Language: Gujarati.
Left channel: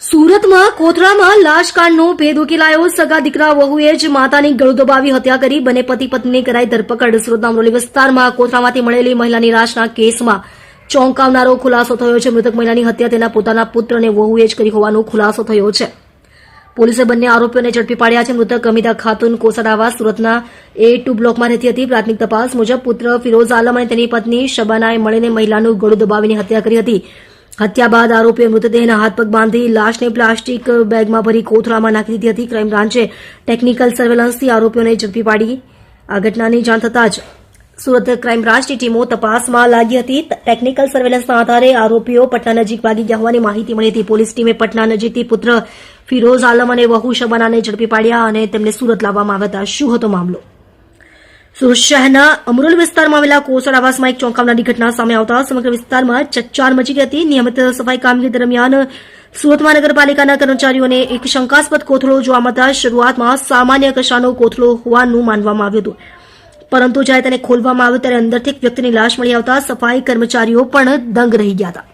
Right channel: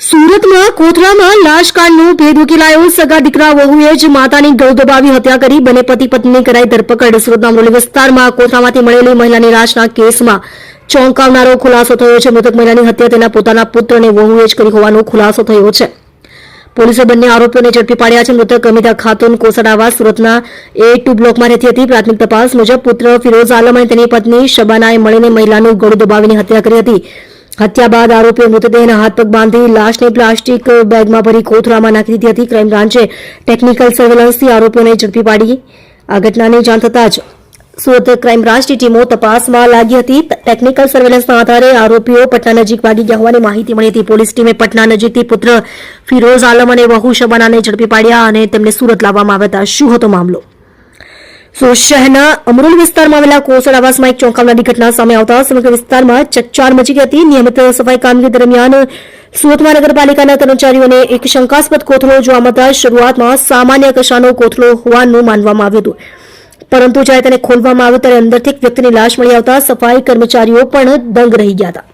સુરતમાં કોથળામાં લાશકાંડનો ભેદ ઉકેલાયો. સગા દીકરા વહુએ જ માતાની ગળું દબાવી હત્યા કરી. બંને પતિ પત્નીની કરાઈ ધરપકડ. સુરતના અમરોલી વિસ્તારમાં કોથળામાંથી મળેલી મહિલાની લાશના કેસમાં ચોંકાવનારો ખુલાસો થયો છે. મૃતક મહિલાની હત્યા તેના પોતાના પુત્ર અને વહુએ જ કરી હોવાનો ખુલાસો થયો છે. પોલીસે બંને આરોપીઓને ઝડપી પાડ્યા છે. મૃતક અમિતા ખાતુન કોસડાવા સુરતના A2 બ્લોકમાં રહેતી હતી. પ્રાથમિક તપાસ મુજબ પુત્ર ફિરોઝ આલમ અને તેની પત્ની શબાનાએ મળીને મહિલાનું ગળું દબાવીને હત્યા કરી હતી. હત્યા બાદ આરોપીઓ મૃતદેહના હાથ પગ બાંધી લાશને પ્લાસ્ટિક બેગમાં ભરી કોથળામાં નાખી દીધી હતી. ક્રાઇમ બ્રાન્ચે ટેકનિકલ સર્વેલન્સથી આરોપીઓને ઝડપી પાડી. આ ઘટનાની જાણ થતાં જ સુરત ક્રાઇમ બ્રાન્ચની ટીમો તપાસમાં લાગી હતી. ટેકનિકલ સર્વેલન્સના આધારે આરોપીઓ પટના નજીક ભાગી ગયા હોવાની માહિતી મળી હતી. પોલીસ ટીમે પટના નજીકથી પુત્ર ફિરોઝ આલમ અને વહુ શબાનાને ઝડપી પાડ્યા અને તેમને સુરત લાવવામાં આવ્યા હતા. શું હતો મામલો? સુરત શહેરના અમરોલી વિસ્તારમાં આવેલા કોસડ આવાસમાં એક ચોંકાવનારી ઘટના સામે આવતા સમગ્ર વિસ્તારમાં ચકચાર મચી ગઈ હતી. નિયમિત સફાઈ કામગીરી દરમિયાન સુરત મહાનગરપાલિકાના કર્મચારીઓને એક શંકાસ્પદ કોથળો જોવા મળતા શરૂઆતમાં સામાન્ય કશાનો કોથળો હોવાનું માનવામાં આવ્યું હતું. પરંતુ જ્યારે તેને ખોલવામાં આવ્યો ત્યારે અંદરથી એક વ્યક્તિની લાશ મળી આવતા સફાઈ કર્મચારીઓ પણ દંગ રહી ગયા હતા.